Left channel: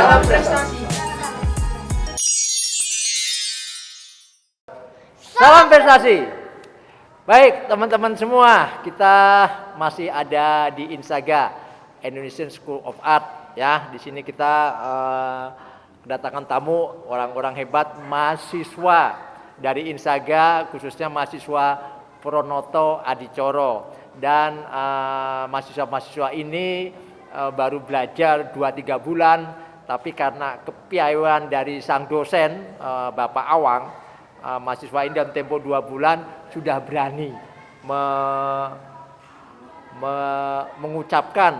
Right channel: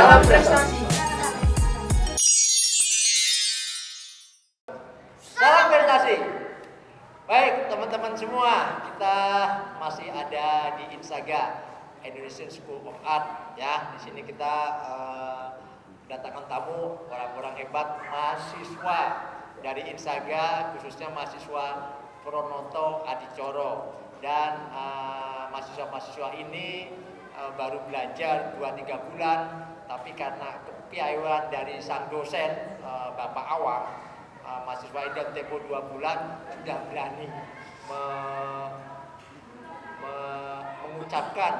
Salam prestasi. Salam prestasi. Baik teman-teman semua, kita masih ada di Insaga Indonesian School of Art ya. Di sini kita kedatangan tamu orang-orang hebat mahasiswa dari Insaga, khususnya mahasiswa Pronoto Adicoro. Dan mahasiswa-mahasiswa ini baru belajar 2-3 bulan, tapi karena kepiawaian dari sang dosen Bapak Awang, mahasiswa ini dalam tempo 2 bulan sudah berani mengucapkan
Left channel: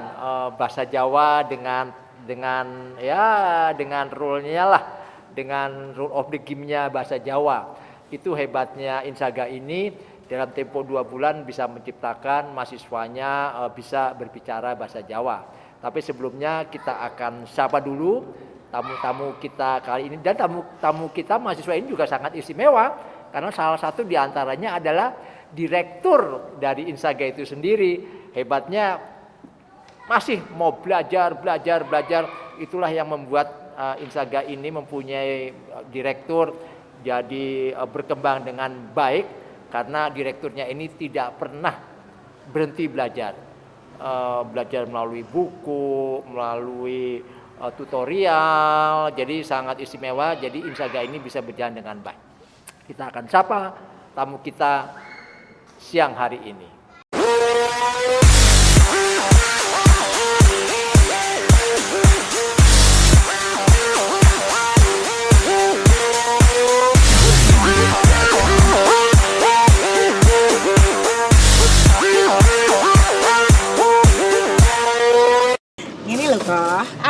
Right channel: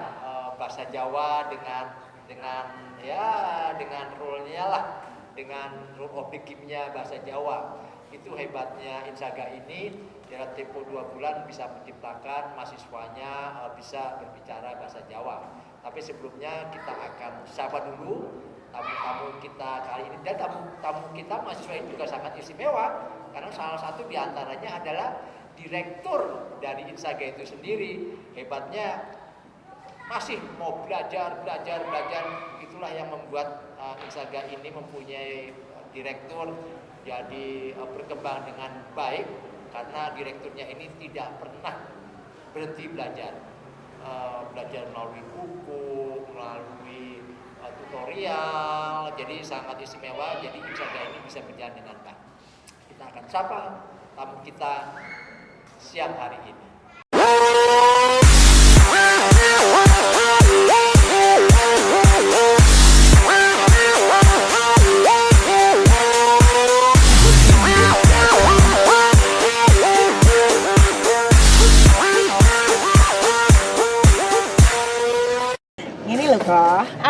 bahasa Jawa dengan rule-nya lah, dengan rule of the game-nya bahasa Jawa. Itu hebatnya Insaga ini, dalam tempo 2 bulan bisa menciptakan mahasiswanya bisa berbicara bahasa Jawa. Tapi sebelumnya kita akan sapa dulu tamu-tamu kita kali ini, dan tamu kita mahasiswa ini juga sangat istimewa karena salah satu diantaranya adalah direktur dari Insaga itu sendiri. Hebatnya masih mau belajar. Itulah yang membuat Insaga ini mempunyai direktur jadi berkembang dengan baik, karena direkturnya ini tidak pernah berhenti belajar. Belajar melalui buku, melalui tutorial, jadi sangat istimewa. Jadi Insaga ini bisa berjalan dengan baik. Kita akan sapa tamu kita siang hari ini.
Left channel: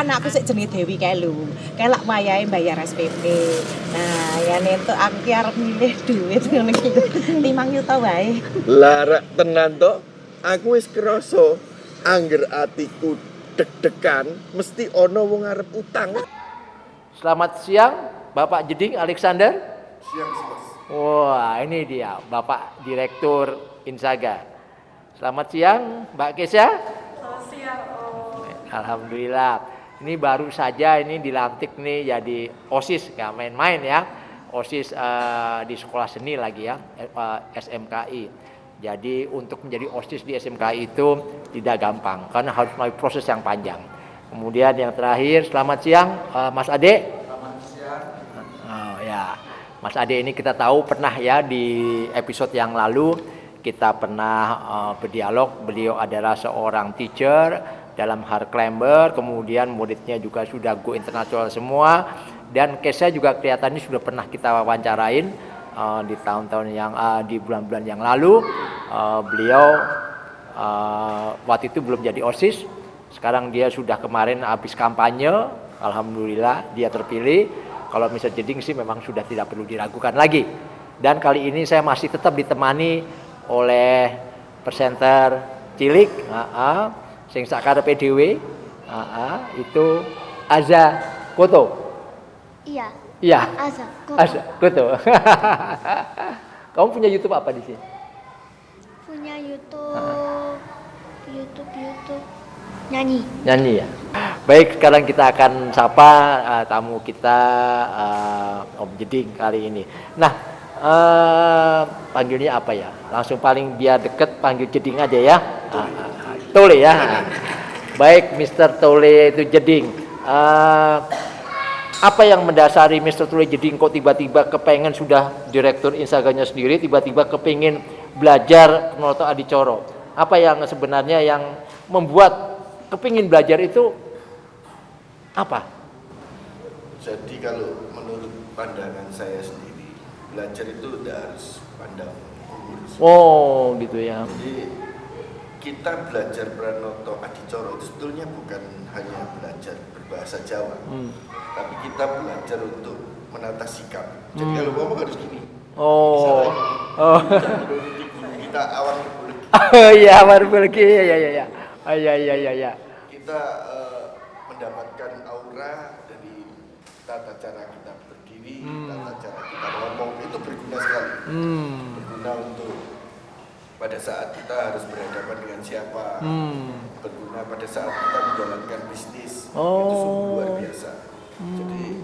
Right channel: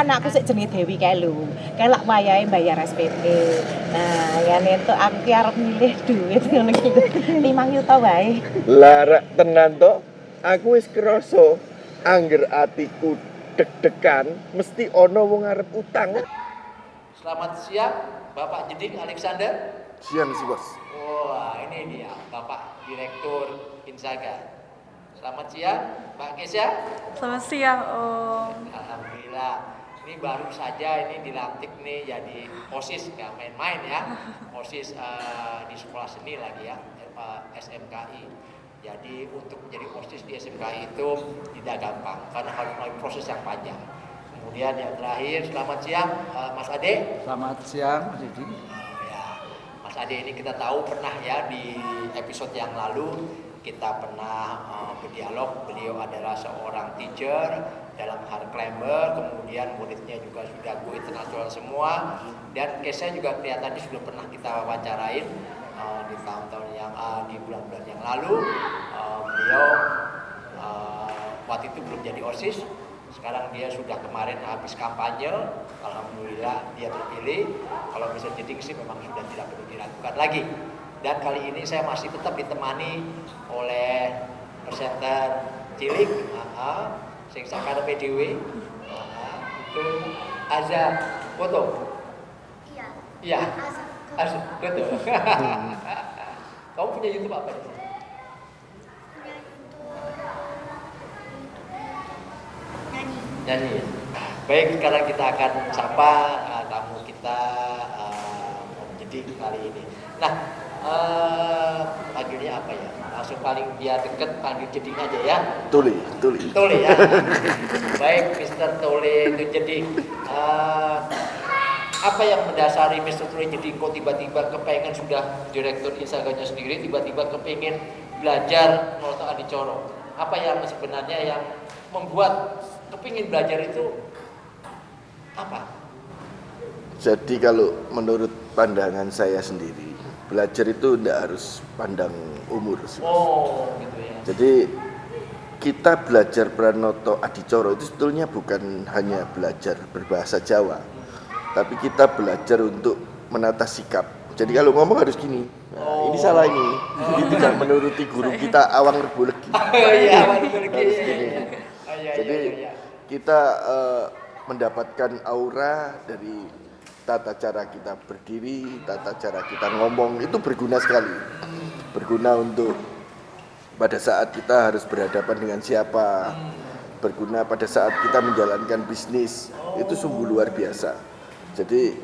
Anakku sik jenenge Dewi kae lho. Kelak wayahe bayar SPP. Nah, yen entuk aku ki arep milih duit ngono ki. 5 juta wae. Lah rak tenan to, aku wis krasa angger atiku deg-degan mesti ana wong arep utang. Selamat siang, Bapak Jeding Alexander. Siang sih, Bos. Wah, ini dia Bapak Direktur Insaga. Selamat siang, Mbak Kesha. Selamat siang, Om. Alhamdulillah. Ini baru saja ini dilantik nih jadi OSIS, nggak main-main ya. OSIS di sekolah seni lagi ya, SMKI. Jadi untuk menjadi OSIS di SMKI itu tidak gampang karena harus melalui proses yang panjang. Kemudian yang terakhir, selamat siang Mas Ade. Selamat siang. Oh, ya. Mas Ade ini kita tahu pernah ya di episode yang lalu kita pernah berdialog. Beliau adalah seorang teacher dalam hard climber, kemudian muridnya juga sudah go internasional semua, dan Kesha juga kelihatannya sudah pernah kita wawancarain di tahun-tahun yang di bulan-bulan yang lalu. Beliau waktu itu belum jadi OSIS, sekarang dia sudah kemarin habis kampanye, alhamdulillah dia terpilih. Kalau Mr. Jeding sih memang sudah tidak perlu diragukan lagi. Dan kali ini saya masih tetap ditemani oleh presenter cilik, sing sakarepe dhewe, itu Aza Koto. Iya. Iya. Aza Koto. Kamu punya YouTube apa di sini? punya YouTube nyanyi. Nyanyi ya. Baik, sekarang kita akan sapa tamu kita Om Jeding kali ini. Nah, panggilnya apa ya? Langsung paling biar deket panggil Jeding aja ya. Tole ya. Baik, Mr. Tole itu Jeding. Apa yang mendasari Mr. Tole Jeding kok tiba-tiba kepengen sudah direktur Insaganya sendiri, tiba-tiba kepengen belajar Pronoto Adicoro? Apa yang sebenarnya yang membuat kepingin belajar itu apa? Jadi kalau menurut pandangan saya sendiri, belajar itu tidak harus pandang umur. Oh, gitu ya. Jadi kita belajar Pronoto Adicoro itu sebetulnya bukan hanya belajar berbahasa Jawa, tapi kita belajar untuk menata sikap. Jadi kalau ngomong harus gini. Oh. Ini salah ini. Tidak menuruti guru kita Awang Rebulegi. Oh iya, Awang Rebulegi. Iya. Oh, iya. Kita mendapatkan aura dari tata cara kita berdiri, tata cara kita ngomong, itu berguna sekali. Berguna untuk pada saat kita harus berhadapan dengan siapa, berguna pada saat kita menjalankan bisnis, itu sungguh luar biasa. Jadi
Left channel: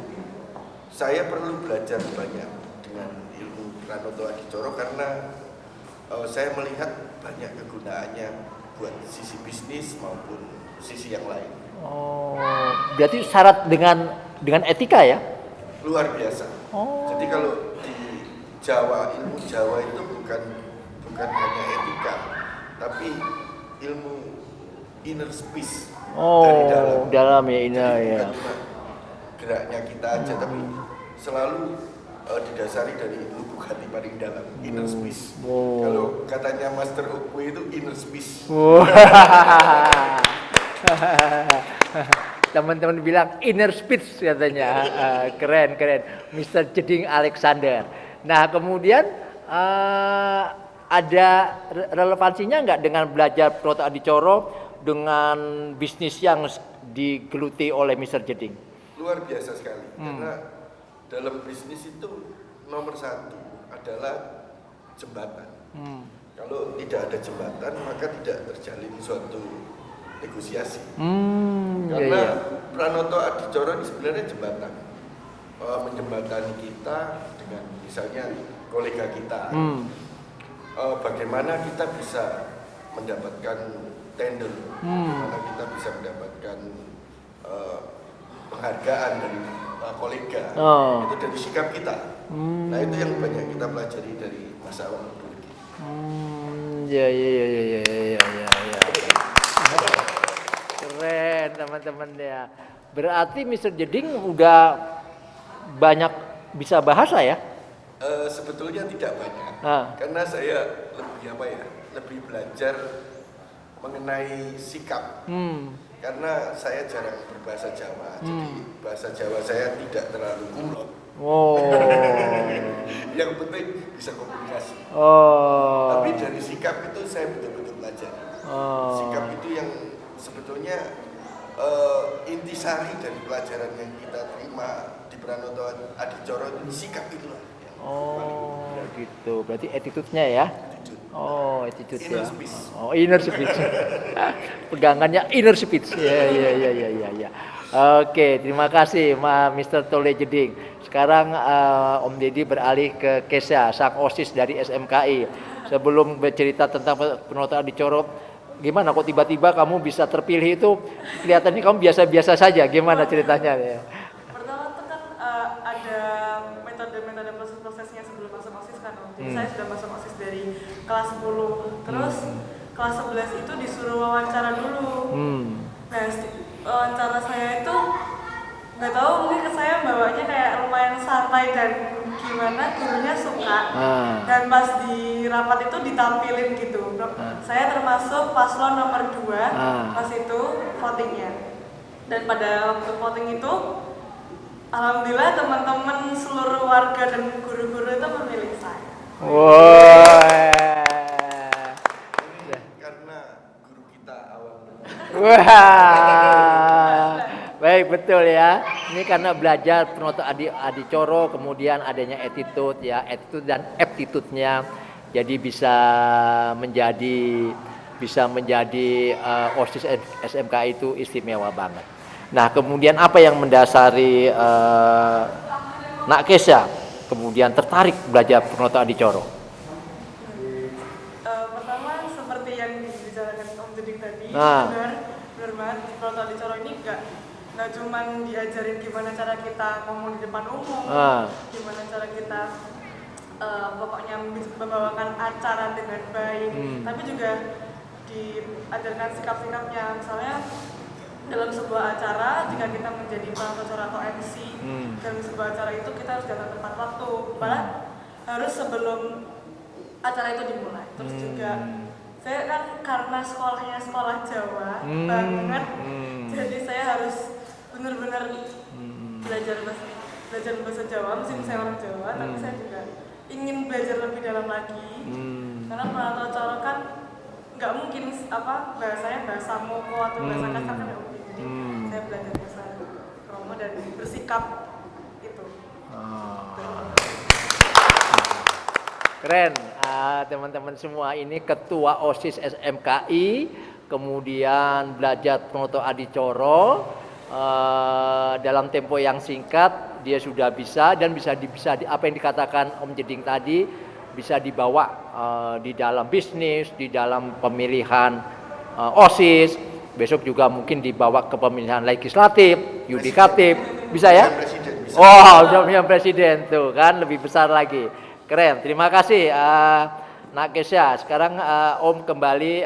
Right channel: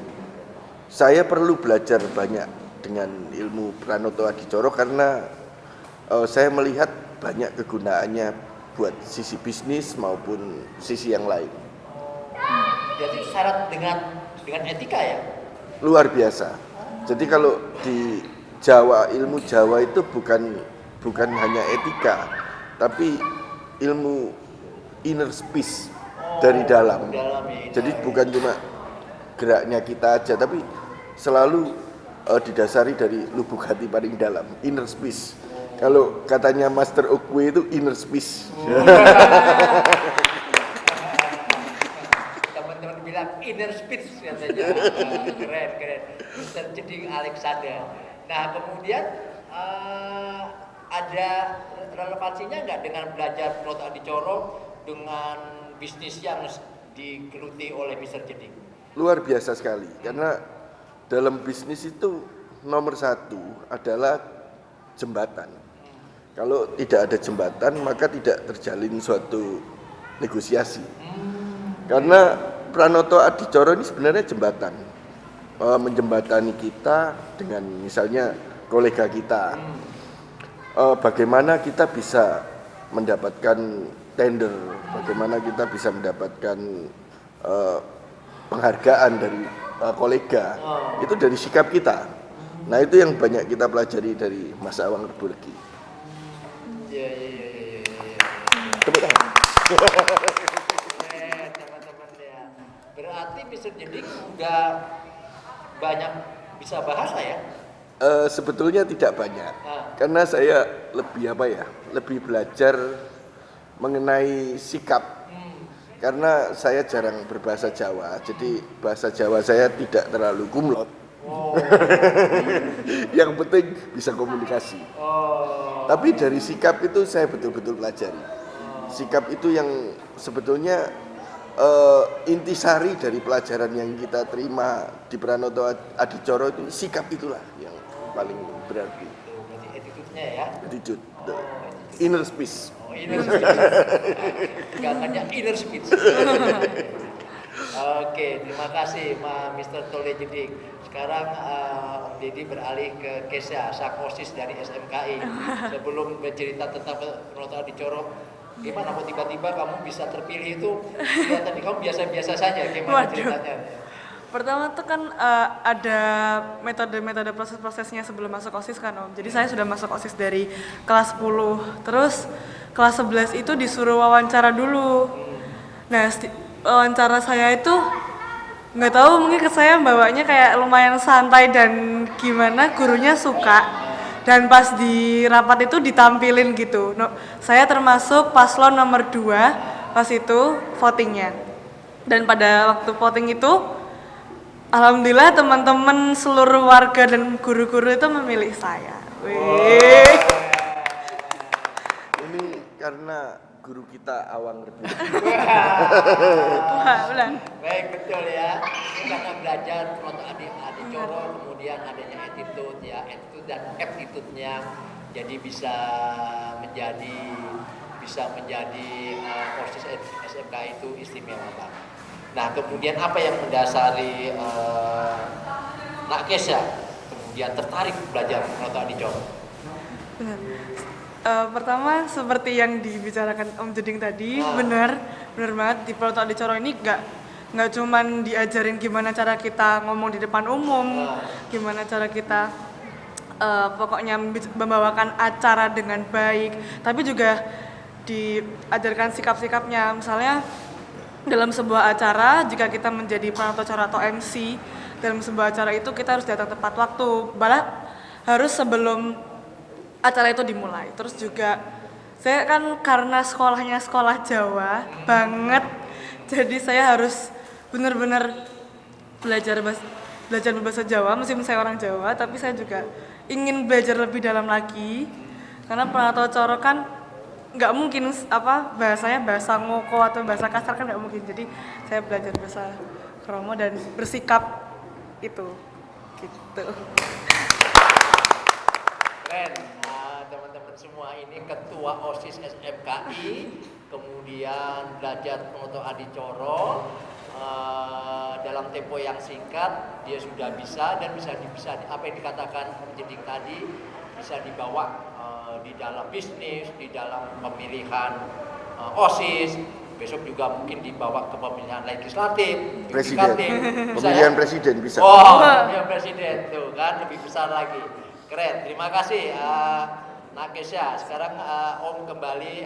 saya perlu belajar banyak dengan ilmu Pranoto Adicoro karena saya melihat banyak kegunaannya buat sisi bisnis maupun sisi yang lain. Oh, berarti syarat dengan etika ya? Luar biasa. Jadi kalau di Jawa, ilmu Jawa itu bukan hanya etika, tapi ilmu inner peace dari dalam. Dalam ya, Jadi bukan cuma geraknya kita aja, tapi selalu didasari dari lubuk hati paling dalam, inner peace. Kalau katanya Master Okwe itu inner peace. Teman-teman bilang inner speech katanya. Keren. Mr. Jeding Alexander. Nah, kemudian ada relevansinya nggak dengan belajar Pranoto Adicoro dengan bisnis yang digeluti oleh Mr. Jeding? Luar biasa sekali, karena dalam bisnis itu nomor satu adalah jembatan. Kalau tidak ada jembatan, maka tidak terjalin suatu negosiasi. Karena Pranoto Adicoro ini sebenarnya jembatan, menjembatani kita dengan misalnya kolega kita. Bagaimana kita bisa mendapatkan tender, bagaimana kita bisa mendapatkan penghargaan dari kolega, itu dari sikap kita. Nah, itu yang banyak kita pelajari dari Mas Awang Reburgi. Ya. Keren teman-teman ya. Berarti Mr. Jeding udah banyak bisa bahasa ya? Sebetulnya tidak banyak, karena saya lebih belajar mengenai sikap. Karena saya jarang berbahasa Jawa, jadi bahasa Jawa saya tidak terlalu kumlot. Yang penting bisa komunikasi. Tapi dari sikap itu saya betul-betul pelajari. Sikap itu yang sebetulnya intisari dari pelajaran yang kita terima di Pranoto Adicoro itu, sikap itulah yang paling berarti. Gitu. Berarti attitude-nya ya? Attitude. Attitude. Inner ya. peace. Inner speech. Pegangannya inner speech. Ya. Oke, terima kasih Mr. Tole Jeding. Sekarang Om Deddy beralih ke Kesha, sang OSIS dari SMKI. Sebelum bercerita tentang Pranoto Adicoro, gimana kok tiba-tiba kamu bisa terpilih itu? Kelihatannya kamu biasa-biasa saja. Gimana ceritanya? Pertama tuh kan ada metode-metode proses-prosesnya sebelum masuk OSIS kan Om. Jadi saya sudah masuk OSIS dari kelas 10. Terus kelas 11 itu disuruh wawancara dulu. Nah, wawancara saya itu nggak tahu, mungkin ke saya bawanya kayak lumayan santai dan gimana gurunya suka. Dan pas di rapat itu ditampilin gitu. Saya termasuk paslon nomor 2 pas itu votingnya. Dan pada waktu voting itu alhamdulillah teman-teman seluruh warga dan guru-guru itu memilih saya. Ini karena guru kita Awang. Baik, betul ya. Ini karena belajar Pranoto Adicoro, kemudian adanya attitude ya, attitude dan aptitude-nya. Jadi bisa menjadi OSIS SMK itu istimewa banget. Nah, kemudian apa yang mendasari Nak Kesha kemudian tertarik belajar Pranoto Adicoro? Pertama seperti yang dibicarakan Om Jeding tadi, benar banget di Pranoto Adicoro ini nggak cuman diajarin gimana cara kita ngomong di depan umum, gimana cara kita pokoknya membawakan acara dengan baik, tapi juga diajarkan sikap-sikapnya. Misalnya dalam sebuah acara, jika kita menjadi pengacara atau MC dalam sebuah acara itu, kita harus datang tepat waktu, malah harus sebelum acara itu dimulai. Terus juga saya kan karena sekolahnya sekolah Jawa banget, jadi saya harus benar-benar belajar bahasa Jawa, meskipun saya orang Jawa, tapi saya juga ingin belajar lebih dalam lagi, karena Pranoto Adicoro kan nggak mungkin bahasanya bahasa ngoko atau bahasa kasar kan nggak mungkin. Jadi saya belajar bahasa Kromo dan bersikap itu. Gitu. Keren, teman-teman semua, ini ketua OSIS SMKI, kemudian belajar Pranoto Adicoro, dalam tempo yang singkat dia sudah bisa dan bisa apa yang dikatakan Om Jeding tadi bisa dibawa di dalam bisnis, di dalam pemilihan OSIS, besok juga mungkin dibawa ke pemilihan legislatif, yudikatif, bisa ya? Pemilihan presiden bisa. Oh, pemilihan presiden tuh kan lebih besar lagi. Keren. Terima kasih Nak Kesha. Sekarang Om kembali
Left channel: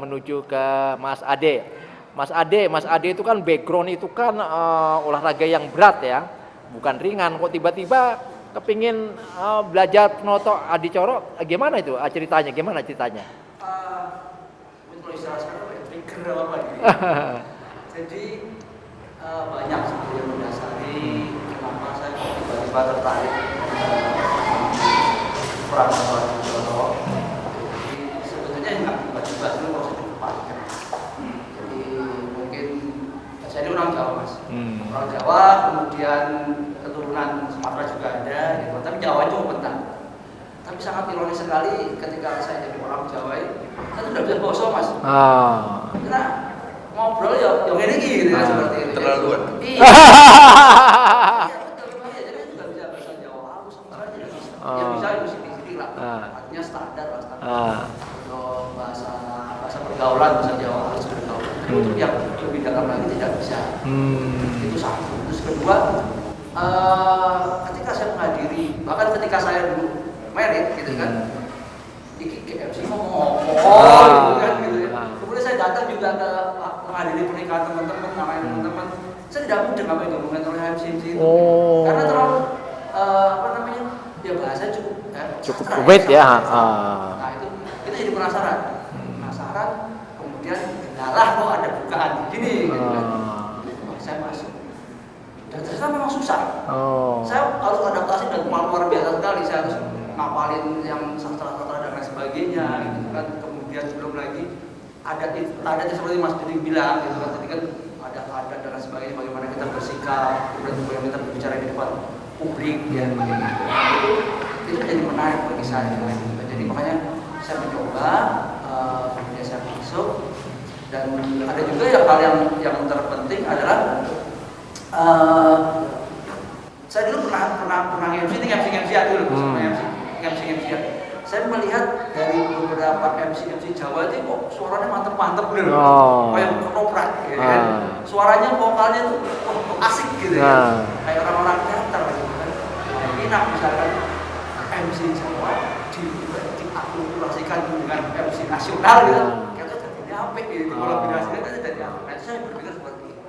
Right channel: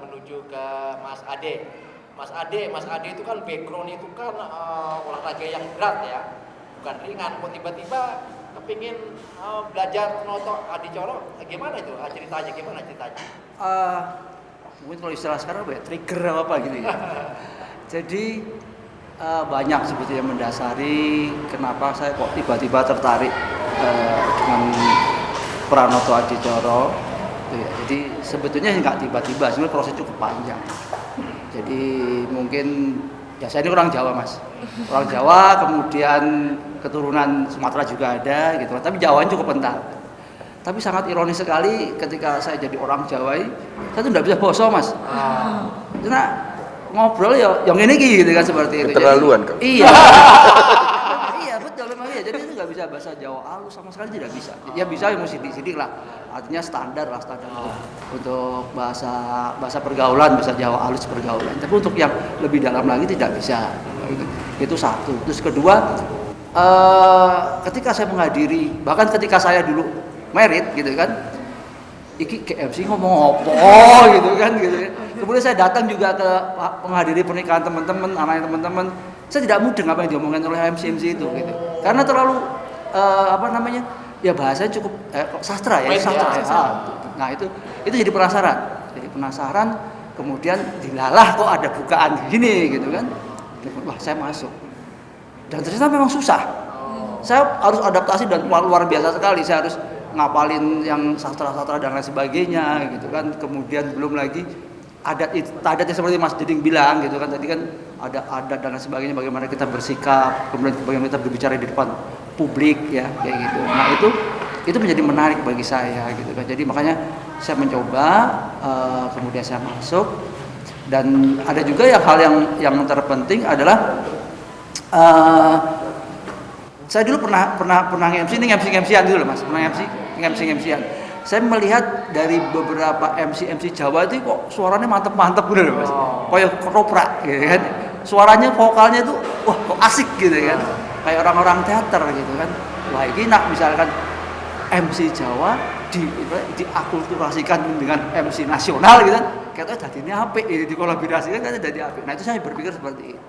menuju ke Mas Ade. Mas Ade itu kan background itu kan olahraga yang berat ya, bukan ringan. Kok tiba-tiba kepingin belajar Pranoto Adicoro, gimana itu ceritanya? Gimana ceritanya? Mungkin kalau istilah sekarang apa ya, trigger apa gitu ya. Jadi banyak sebetulnya mendasari kenapa saya kok tiba-tiba tertarik Pranoto Adicoro. Jadi sebetulnya nggak tiba-tiba, sebenarnya proses cukup panjang. Jadi mungkin ya saya ini orang Jawa Mas, orang Jawa, kemudian keturunan Sumatera juga ada gitu, tapi Jawa cukup kental. Tapi sangat ironis sekali ketika saya jadi orang Jawa ini, saya tuh tidak bisa boso Mas, karena ngobrol ya yang ini gitu kan seperti itu. Keterlaluan kan? Iya. Iya betul memang ya. Jadi itu nggak bisa bahasa Jawa halus sama sekali, tidak bisa. Ya bisa yang sidik-sidik lah. Artinya standar lah untuk bahasa pergaulan, bahasa Jawa halus pergaulan. Tapi untuk yang lebih dalam lagi tidak bisa. Itu satu. Terus kedua, ketika saya menghadiri, bahkan ketika saya dulu merit gitu kan, iki KFC ngomong gitu kan. Kemudian saya datang juga ke menghadiri pernikahan teman-teman, anaknya teman-teman. Saya tidak mudeng apa yang diomongkan oleh MC itu, gitu. Karena terlalu ya bahasanya cukup sastra ya. Nah itu jadi penasaran, kemudian dilalah kok ada bukaan gini gitu kan. Wah saya masuk. Dan ternyata memang susah. Saya harus adaptasi dan luar biasa sekali. Saya harus ngapalin yang sastra-sastra dan lain sebagainya gitu kan. Kemudian belum lagi adatnya seperti Mas Jeding bilang gitu kan, tadi kan ada adat dan lain sebagainya, bagaimana kita bersikap, kemudian bagaimana kita berbicara di depan publik ya kayak gitu. Nah itu menjadi menarik bagi saya gitu kan. Jadi makanya saya mencoba, kemudian saya masuk, dan ada juga ya hal yang terpenting adalah saya dulu pernah MC-an dulu Mas, MC-an. Saya melihat dari beberapa MC Jawa itu kok suaranya mantep gitu loh Mas. Kayak koprak gitu kan. Suaranya vokalnya tuh wah kok asik gitu kan. Kayak orang-orang teater gitu kan. Wah ini enak misalkan MC Jawa diakulturasikan dengan MC nasional gitu kan. Kayaknya jadinya apik gitu, dikolaborasikan kan jadi apik. Nah itu saya berpikir seperti itu.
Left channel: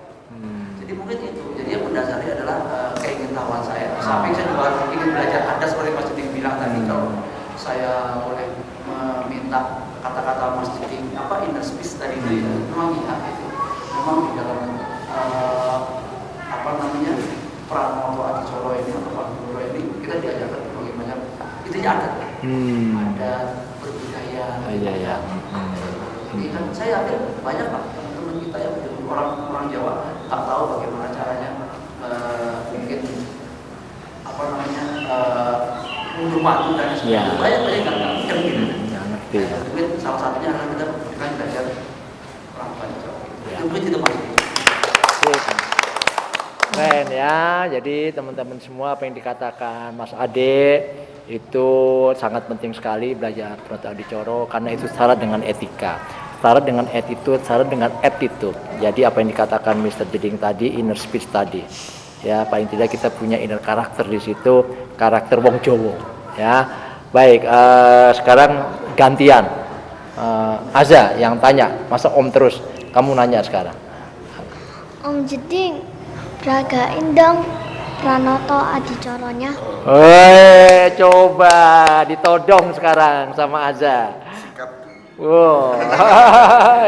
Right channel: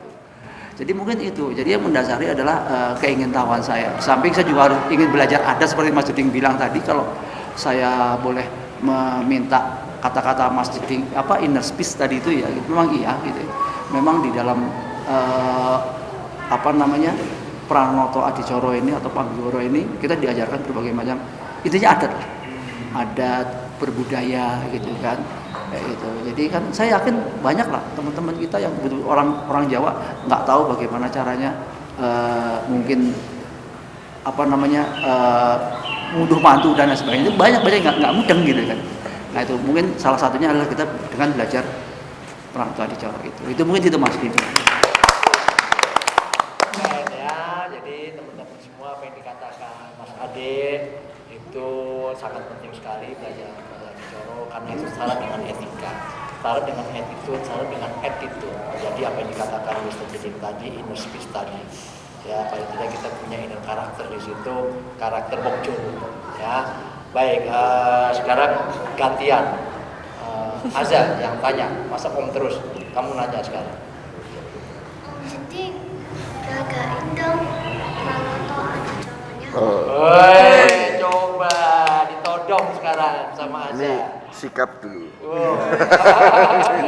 Jadi mungkin itu, jadi yang mendasari adalah keingintahuan saya. Samping saya juga ingin belajar adat seperti Mas Jeding bilang tadi. Kalau saya boleh meminta kata-kata Mas Jeding, inner speech tadi itu ya, memang iya gitu. Memang di dalam Pranoto Adicoro ini atau Panggoro ini kita diajarkan berbagai macam, intinya adat, adat berbudaya gitu kan. Gitu. Jadi kan saya yakin banyak lah teman-teman kita yang orang Jawa nggak tahu bagaimana caranya mungkin munduh mantu dan sebagainya. Banyak nggak mudeng gitu kan. Nah itu mungkin salah satunya adalah kita dengan belajar Pranoto Adicoro itu mungkin itu Mas Didi. Keren ya, jadi teman-teman semua apa yang dikatakan Mas Ade itu sangat penting sekali belajar Pranoto Adicoro, karena itu syarat dengan etika, syarat dengan attitude, syarat dengan attitude. Jadi apa yang dikatakan Mr. Jeding tadi, inner speech tadi, ya paling tidak kita punya inner karakter di situ, karakter wong Jowo. Ya, baik. Sekarang gantian, Aza yang tanya, masa Om terus? Kamu nanya sekarang. Om Jeding, ragain dong Pranoto Adicoronya. Coba ditodong sekarang sama Aza. Sikap dulu. Wow.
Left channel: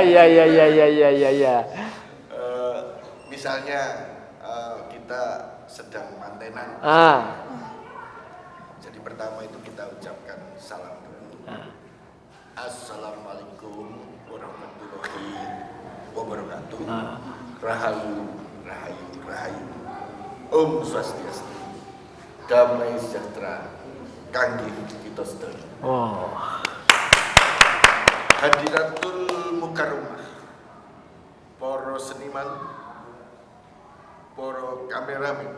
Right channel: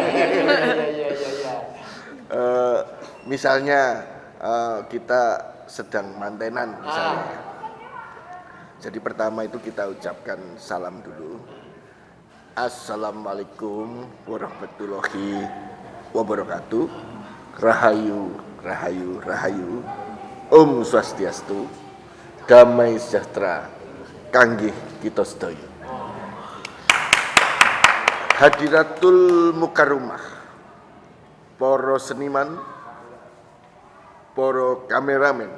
Iya. Misalnya kita sedang mantenan. Jadi pertama itu kita ucapkan salam dulu. Assalamualaikum warahmatullahi wabarakatuh. Rahayu. Om Swastiastu. Damai sejahtera. Kanggih kita sedaya. Hadiratul Mukarramah, para seniman, para kameramen,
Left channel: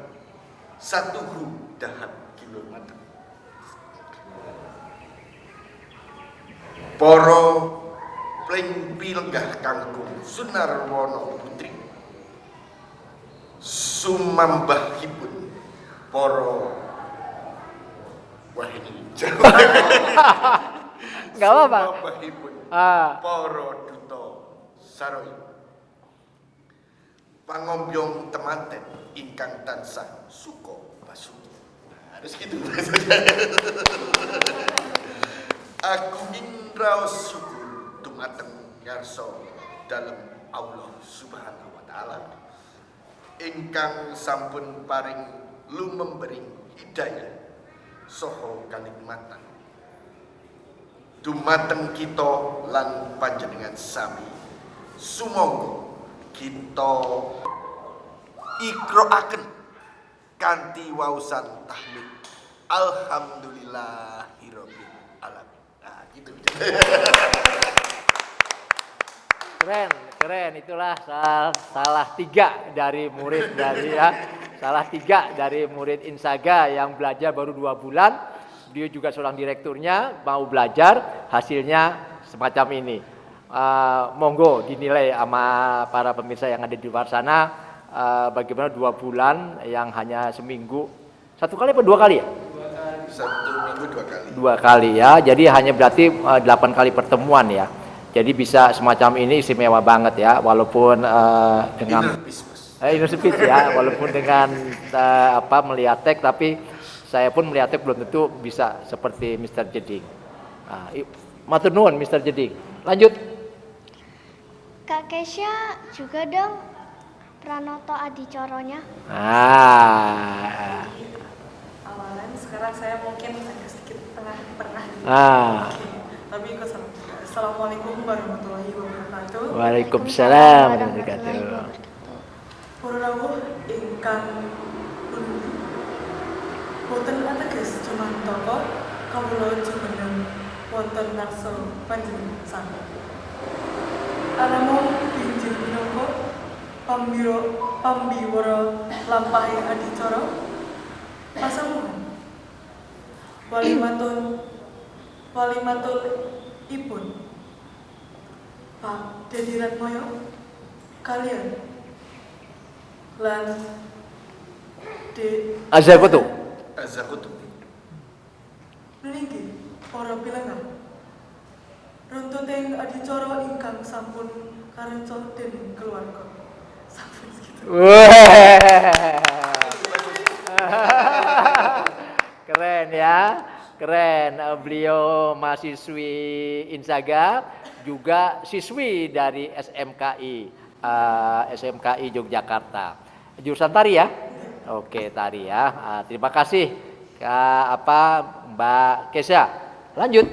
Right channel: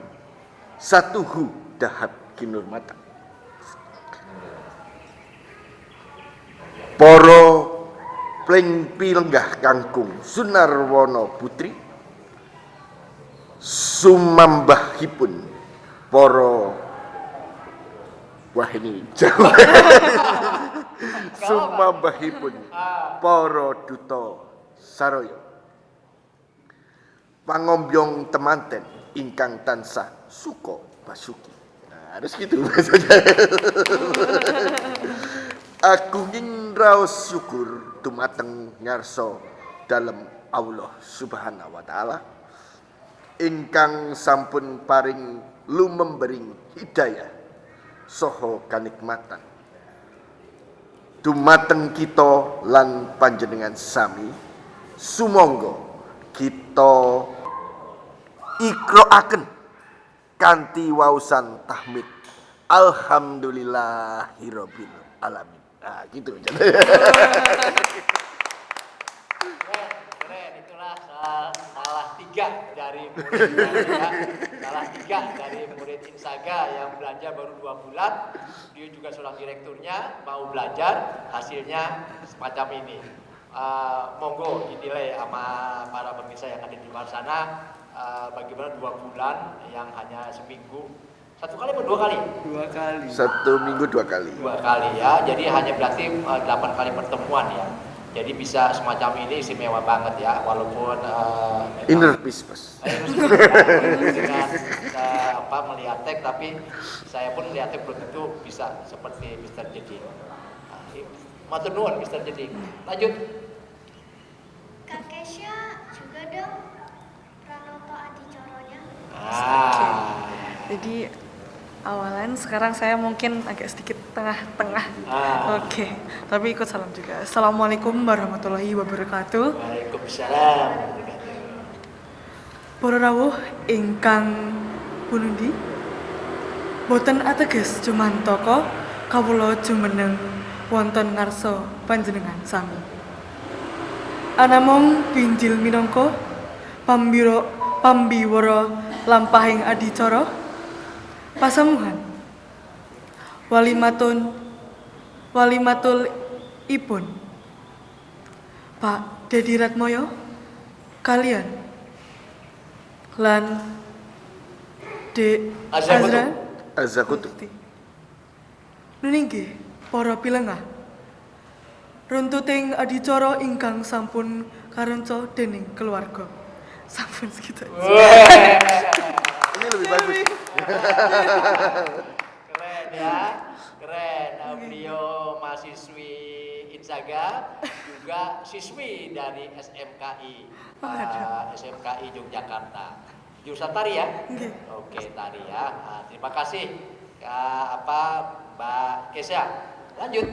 satuhu dahat kinurmatan. Para plengpilnggah kangkung Sunarwana Putri, sumambahipun para wah ini jauh. Sumambahipun para duta saraya, pangombyong temanten ingkang tansah suka basuki. Nah, harus gitu maksudnya. Aku ingin raos syukur dumateng ngarsa dalem Allah Subhanahu wa taala ingkang sampun paring lumembering hidayah saha kanikmatan dumateng kita lan panjenengan sami. Sumangga kita ikraaken kanthi waosan tahmid alhamdulillahirabbil alamin. Nah, gitu. Keren, itulah salah tiga dari murid dari murid Insaga yang belajar baru 2 bulan. Dia juga seorang direkturnya, mau belajar, hasilnya semacam ini. Monggo dinilai sama para pemirsa yang ada di luar sana, bagaimana 2 bulan yang hanya seminggu. 1 kali apa 2 kali ya? 2 kali. 1 minggu 2 kali. 2 kali ya, jadi hanya berarti 8 kali pertemuan ya. Jadi bisa semacam ini istimewa banget ya, walaupun Inner peace, Mas. inner peace ya, walaupun dengan melihat teks, tapi saya pun melihat teks belum tentu bisa seperti Mr. Jedik. Matur nuwun Mr. Jedik. Lanjut. Kak Kesha juga dong Pranoto Adicoronya. Jadi awalan sekarang saya mungkin agak sedikit tengah-tengah. Oke, tapi ikut salam juga. Assalamualaikum warahmatullahi wabarakatuh. Waalaikumsalam warahmatullahi wabarakatuh. Para rawuh ingkang pundi boten ateges jumantaka kawula jumeneng wonten ngarsa panjenengan sami. Anamung pinjil minangka pambiwara lampahing adicara pasamuhan walimatul ipun Pak Dedi Ratmoyo kalian lan Azakutu. Nuninggi para pilengah runtuting adicara ingkang sampun karenca dening keluarga. Sampun segitu. Ini lebih bagus. Keren ya, keren. Beliau mahasiswi Insaga, juga siswi dari SMKI Yogyakarta. Jurusan tari ya? Oke, tari ya. Terima kasih Mbak Kesha. Lanjut.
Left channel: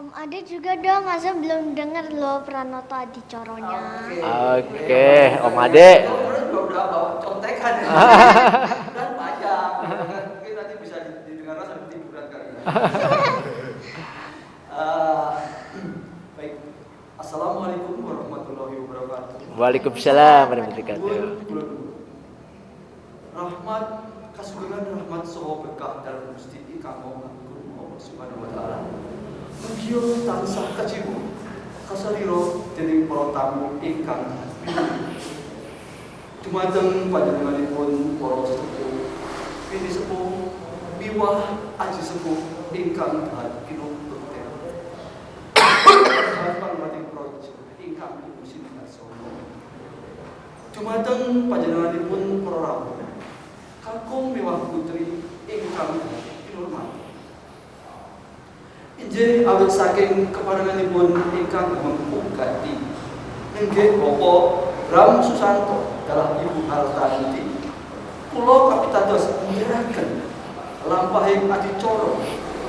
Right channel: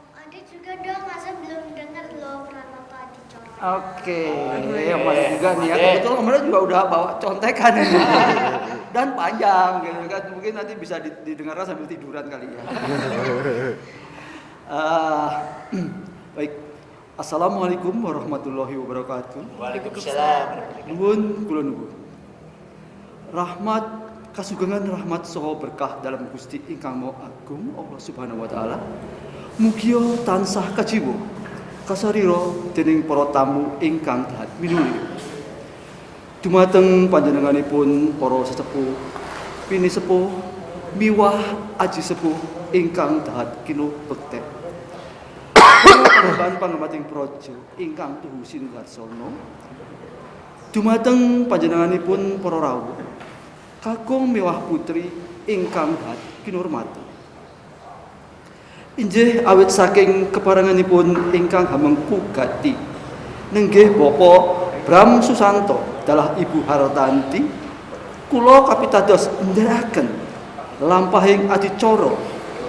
Om Ade juga dong, masa belum dengar loh Pranoto Adicoronya. Oke, Om Ade. Itu Om Ade juga udah bawa contekan ya. Dan panjang, gitu kan. Mungkin nanti bisa didengarkan sambil tiduran kali ya. Baik, Assalamualaikum warahmatullahi wabarakatuh. Waalaikumsalam warahmatullahi wabarakatuh. Kulun rahmat kasugengan rahmat saha berkah dalam Gusti ingkang Maha Agung Allah Subhanahu wa taala. Mugia tansah kajiwa kasarira dening para tamu ingkang taat minuli. Dumateng panjenenganipun para sesepuh, pini sepuh, miwah aji sepuh ingkang taat kilo bekti. Lan pangramating praja ingkang tuhu sinuwarsono. Dumateng panjenenganipun para rawuh kakung miwah putri ingkang taat kinurmati. Injih awit saking keparenganipun ingkang hamengku gati nenggih Bapak Bram Susanto dalah Ibu Hartanti kula kapitados ndherekaken lampahing adicara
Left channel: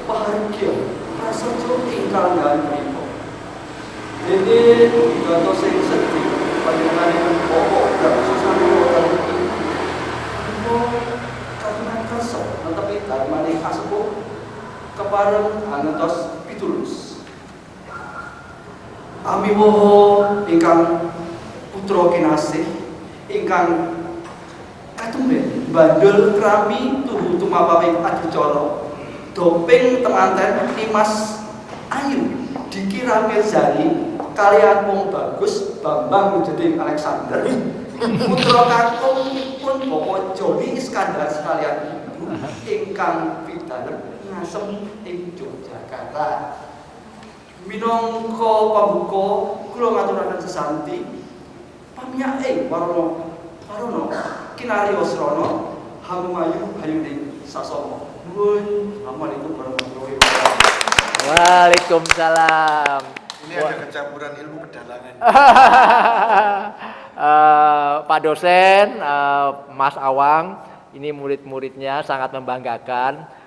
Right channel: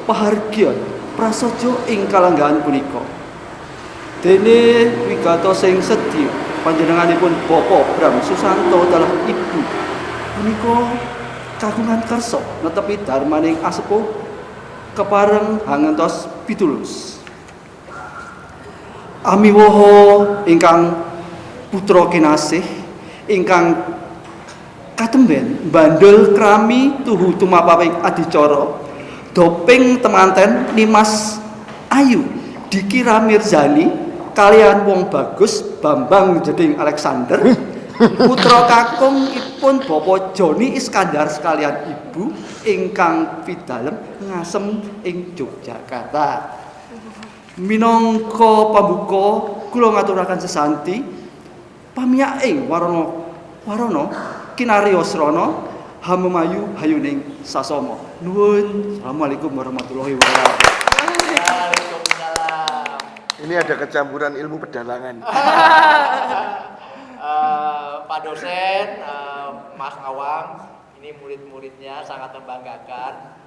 pahargya prasaja ing kalanggahan punika. Dene wigatos sing sedhi panjenenganipun Bapak Bram Susanto dalah Ibu punika kagungan karsa netepi darmaning asepuh kepareng ngantos pitulus. Amiwoho ingkang putra kinasih ingkang katemben bandel krami tuhu tumapawing adicara doping temanten Nimas Ayu dikira Mirzani kalian wong bagus Bambang Jeding Alexander putra kakungipun Bapak Joni Iskandar sekalian ibu ingkang pidalem ngasem ing Yogyakarta. Minangka pambuka kula ngaturaken sesanti pamiyake warana kinariyos rana hamemayu hayuning sasama. Nuwun. Assalamualaikum warahmatullahi wabarakatuh. Waalaikumsalam. Ini ada kecampuran ilmu pedalangan. Pak dosen, Mas Awang, ini murid-muridnya sangat membanggakan.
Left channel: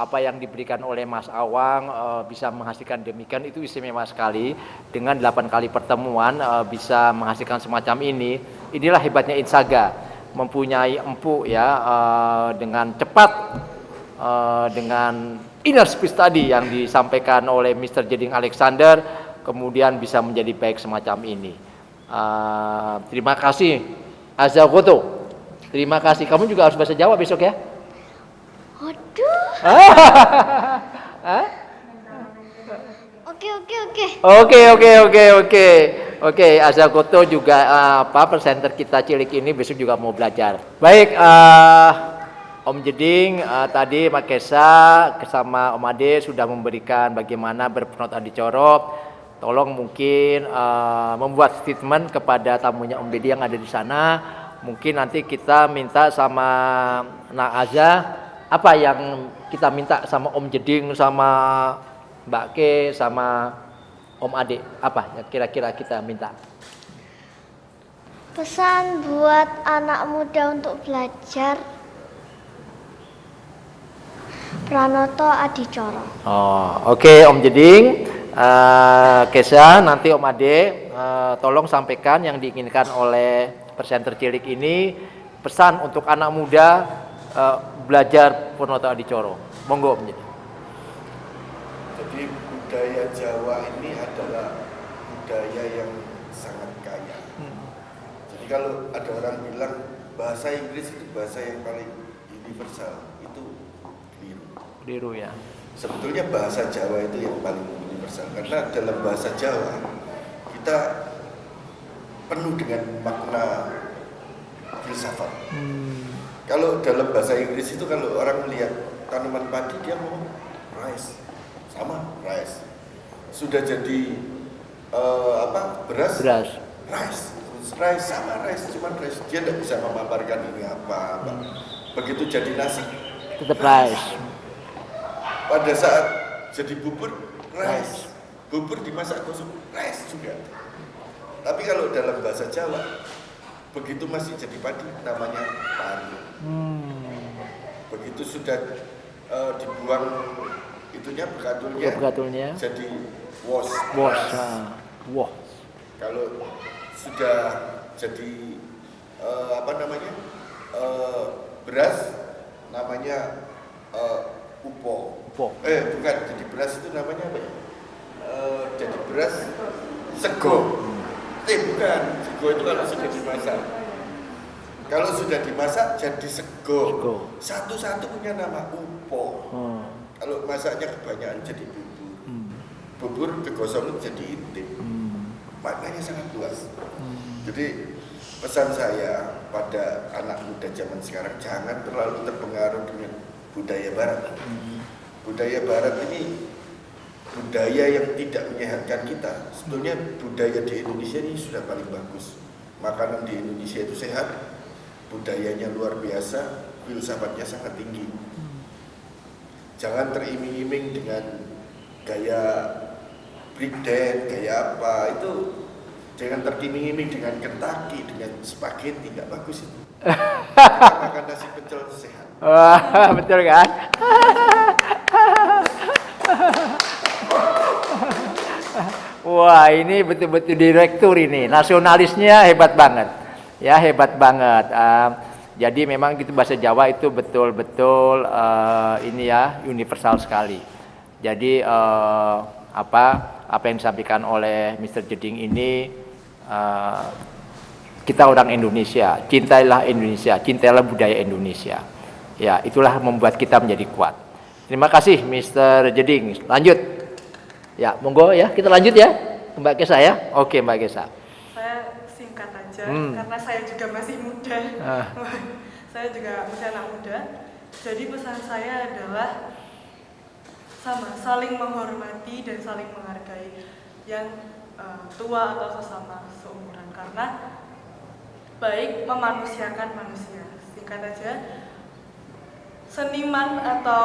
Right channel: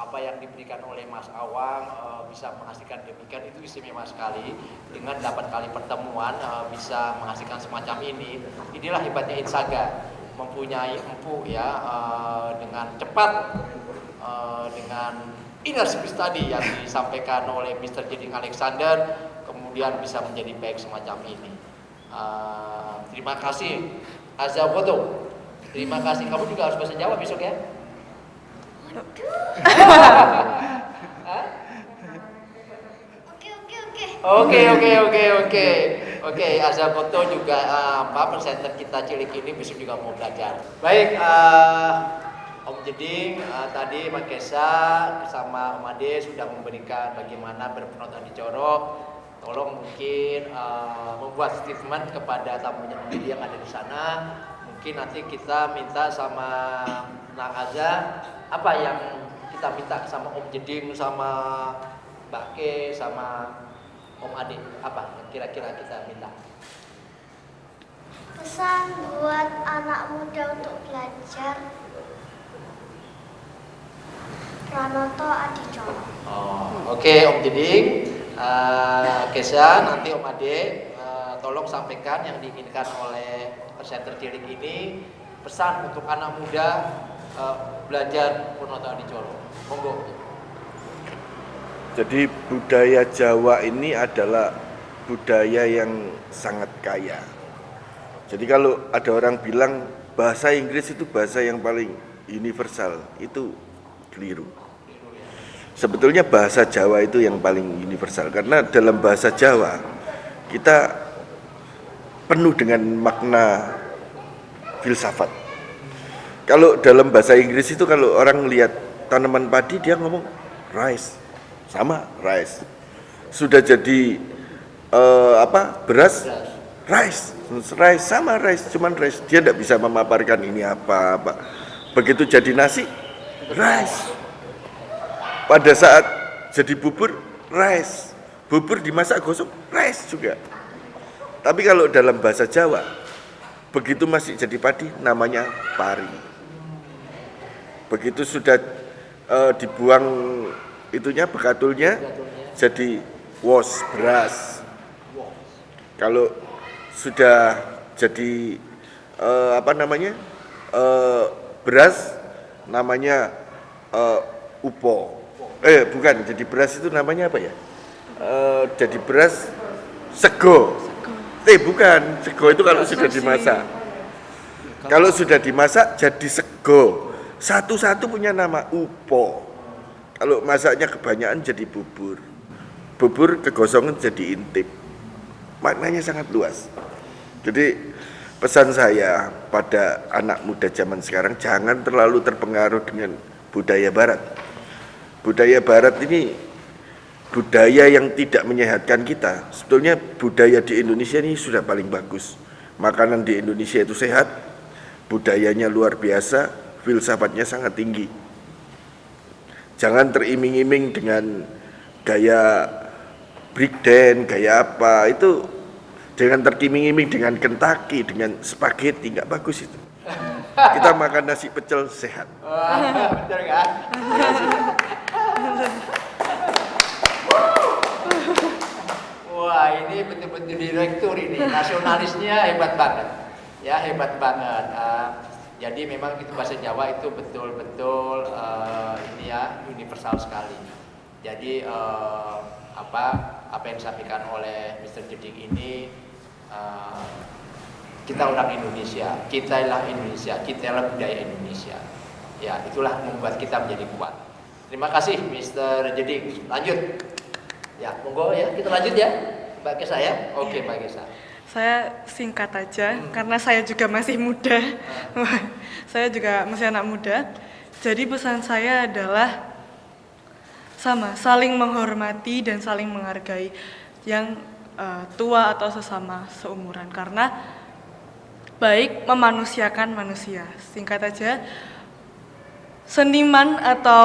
Apa yang diberikan oleh Mas Awang bisa menghasilkan demikian, itu istimewa sekali. Dengan 8 kali pertemuan bisa menghasilkan semacam ini. Inilah hebatnya Insaga, mempunyai empuk ya, dengan cepat, dengan inner speech tadi yang disampaikan oleh Mr. Jeding Alexander, kemudian bisa menjadi baik semacam ini. Terima kasih Azagoto. Terima kasih. Kamu juga harus bahasa Jawa besok ya. Waduh. Oke. Azagoto juga presenter kita cilik ini besok juga mau belajar. Baik, Om Jeding, tadi Pak Kesa bersama Om Ade sudah memberikan bagaimana berpenot adicara. Tolong mungkin membuat statement kepada tamunya Om Jeding yang ada di sana. Mungkin nanti kita minta sama Nak Aza, apa yang kita minta sama Om Jeding, sama Mbak Ke, sama Om Ade, apa yang kira-kira kita minta? Pesan buat anak muda untuk belajar Pranoto Adicara. Oke, Om Jeding, Kesa, nanti Om Ade, tolong sampaikan yang diinginkan oleh presenter cilik ini, pesan untuk anak muda belajar Pranoto Adicara. Monggo Om Jeding. Jadi budaya Jawa ini adalah budaya yang sangat kaya. Jadi kalau ada orang bilang bahasa Inggris itu bahasa yang paling universal, itu keliru. Keliru ya. Sebetulnya bahasa Jawa itu yang paling universal, karena dalam bahasa Jawa kita penuh dengan makna filsafat. Kalau dalam bahasa Inggris itu kalau orang melihat tanaman padi dia ngomong rice, sama rice. Sudah jadi beras, rice sama rice, cuman rice. Dia tidak bisa memaparkan ini apa. Begitu jadi nasi, rice. Pada saat jadi bubur, rice. Bubur dimasak gosok, rice juga. Tapi kalau dalam bahasa Jawa, begitu masih jadi padi, namanya pari. Begitu sudah dibuang itunya, bekatulnya, jadi wos, beras. Kalau sudah jadi beras, namanya upo. Bukan, jadi beras itu namanya apa ya? Jadi beras sego. Bukan, sego itu kalau sudah dimasak. Kalau sudah dimasak jadi sego. Satu-satu punya nama upo. Kalau masaknya kebanyakan jadi bubur. Bubur kegosongan jadi intip. Maknanya sangat luas. Jadi pesan saya pada anak muda zaman sekarang, jangan terlalu terpengaruh dengan budaya barat. Budaya barat ini budaya yang tidak menyehatkan kita. Sebetulnya budaya di Indonesia ini sudah paling bagus. Makanan di Indonesia itu sehat, budayanya luar biasa, filsafatnya sangat tinggi. Jangan teriming-iming dengan gaya breakdance, gaya apa, itu jangan teriming-iming dengan Kentucky, dengan spaghetti, nggak bagus itu. Kita makan nasi pecel sehat. Wah, betul kan? Wah, ini betul-betul direktur ini, nasionalisnya hebat banget. Ya, hebat banget. Jadi memang gitu bahasa Jawa itu betul-betul ini ya, universal sekali. Jadi apa yang disampaikan oleh Mr. Jeding ini Kita orang Indonesia, cintailah Indonesia, cintailah budaya Indonesia. Ya, itulah membuat kita menjadi kuat. Terima kasih Mr. Jeding. Lanjut. Ya, monggo ya, kita lanjut ya. Mbak Kesa ya. Oke, Mbak Kesa. Saya singkat aja karena saya juga masih muda. Saya juga masih anak muda. Jadi pesan saya adalah sama, saling menghormati dan saling menghargai yang tua atau sesama seumuran, karena baik memanusiakan manusia. Singkat aja, seniman atau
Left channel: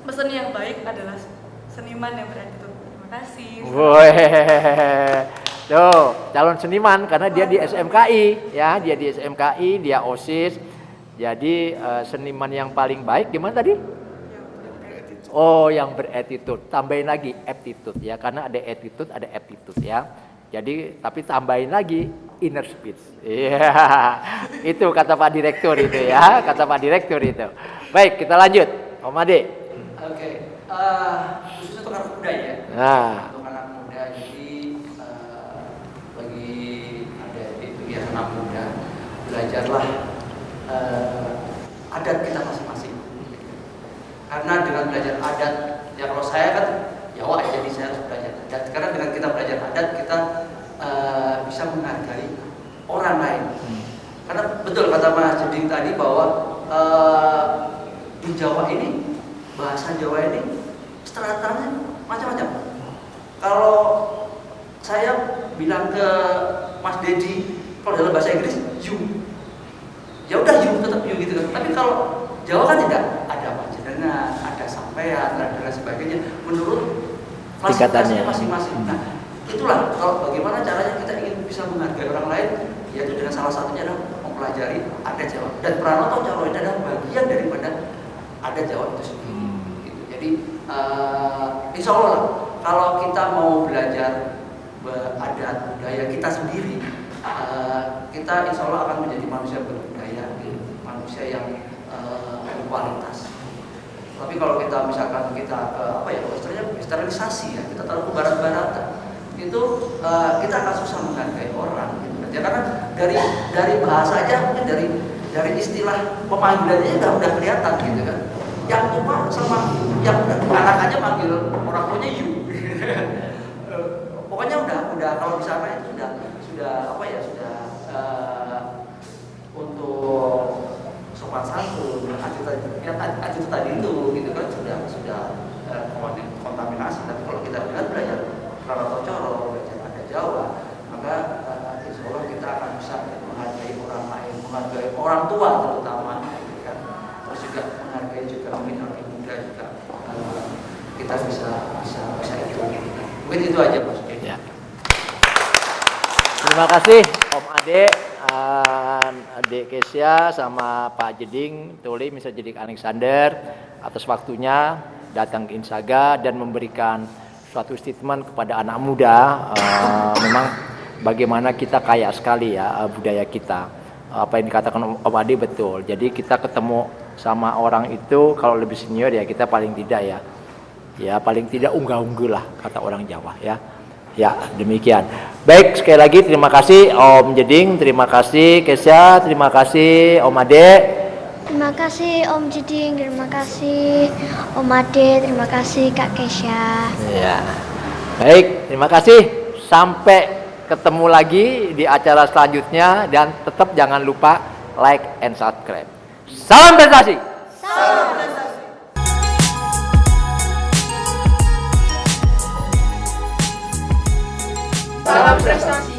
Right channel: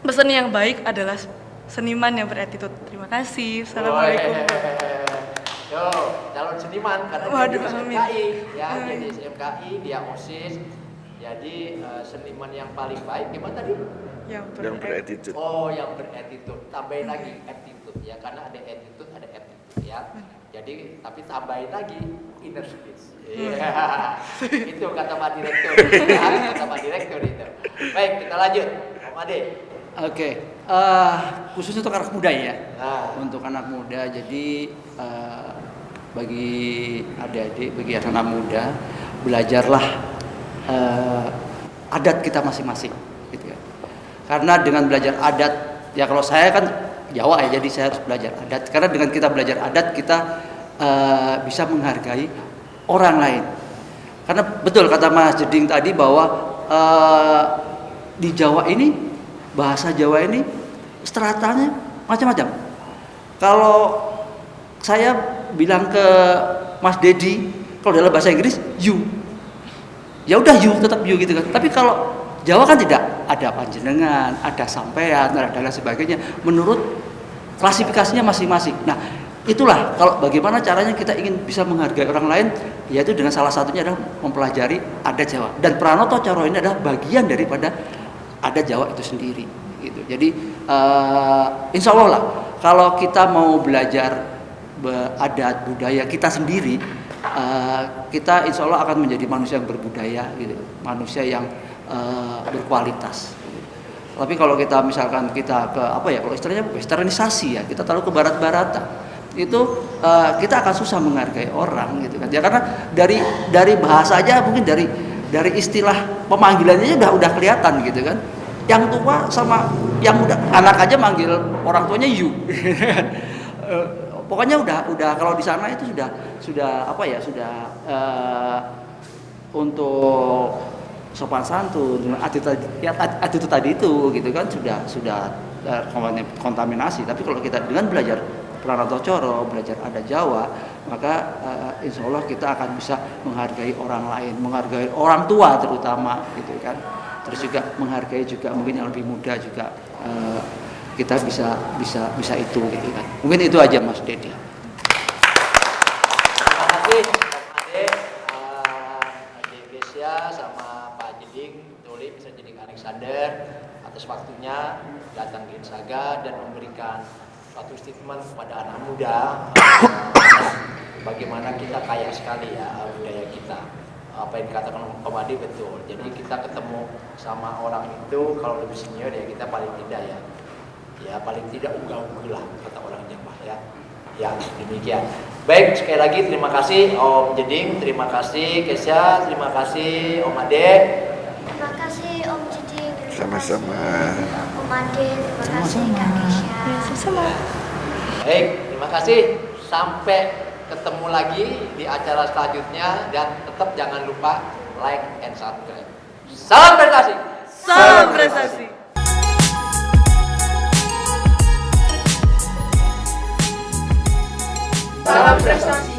peseni yang baik adalah seniman yang beretitude. Terima kasih. Tuh, calon seniman karena dia di SMKI ya, dia di SMKI, dia OSIS. Jadi seniman yang paling baik gimana tadi? Yang beretitude. Oh, yang beretitude. Tambahin lagi attitude ya, karena ada attitude, ada aptitude ya. Jadi tapi tambahin lagi inner speech. Iya. Itu kata Pak Direktur itu ya, kata Pak Direktur itu. Baik, kita lanjut. Om Ade. Oke. Khusus untuk anak muda ya. Nah. Untuk anak muda, jadi bagi adik-adik, bagi anak muda, belajarlah adat kita masing-masing. Gitu ya. Karena dengan belajar adat, ya kalau saya kan Jawa ya, jadi saya harus belajar adat. Karena dengan kita belajar adat, kita bisa menghargai orang lain. Karena betul kata Mas Jeding tadi bahwa di Jawa ini, bahasa Jawa ini stratanya macam-macam. Kalau saya bilang ke Mas Dedi, kalau dalam bahasa Inggris you, ya udah you, tetap you gitu kan. Tapi kalau Jawa kan tidak, ada panjenengan, ada sampean, ada dan sebagainya. Menurut klasifikasinya masing-masing. Nah, itulah kalau bagaimana caranya kita ingin bisa menghargai orang lain, yaitu dengan salah satunya adalah mempelajari adat Jawa. Dan Pranoto Coro ini adalah bagian daripada adat Jawa itu sendiri. Gitu. Jadi insya Allah lah, kalau kita mau belajar adat budaya kita sendiri, kita insya Allah akan menjadi manusia yang berbudaya, gitu. Manusia yang berkualitas. Tapi kalau kita misalkan kita ke apa ya, istilahnya westernisasi ya, kita taruh ke barat-baratan, itu kita akan susah menghargai orang gitu kan. Ya karena dari bahasa aja, mungkin dari istilah pemanggilannya udah kelihatan gitu kan. Yang tua sama yang muda, anak aja manggil orang tuanya you. Pokoknya udah kalau di sana itu sudah apa ya, sudah untuk sopan santun, attitude tadi itu gitu kan sudah kontaminasi. Tapi kalau kita dengan belajar Pranoto Coro, belajar adat Jawa, maka insya Allah kita akan bisa menghargai orang lain, menghargai orang tua terutama gitu kan. Terus juga menghargai juga mungkin yang lebih muda juga, kita bisa itu gitu kan. Mungkin itu aja Mas Dede. Terima kasih Om Ade, Adik Kesia sama Pak Jeding, Tuli, Mr. Jeding Alexander atas waktunya datang ke Insaga dan memberikan suatu statement kepada anak muda. Memang bagaimana kita kaya sekali ya budaya kita. Apa yang dikatakan Om Ade betul. Jadi kita ketemu sama orang itu kalau lebih senior ya kita paling tidak ya paling tidak unggah-ungguh lah kata orang Jawa ya. Ya, demikian. Baik, sekali lagi terima kasih Om Jeding, terima kasih Kesia, terima kasih Om Ade. Terima kasih Om Jeding, terima kasih Om Ade, terima kasih Kak Kesia. Ya. Baik, terima kasih. Sampai ketemu lagi di acara selanjutnya dan tetap jangan lupa like and subscribe. Salam prestasi. Salam prestasi. Salam prestasi.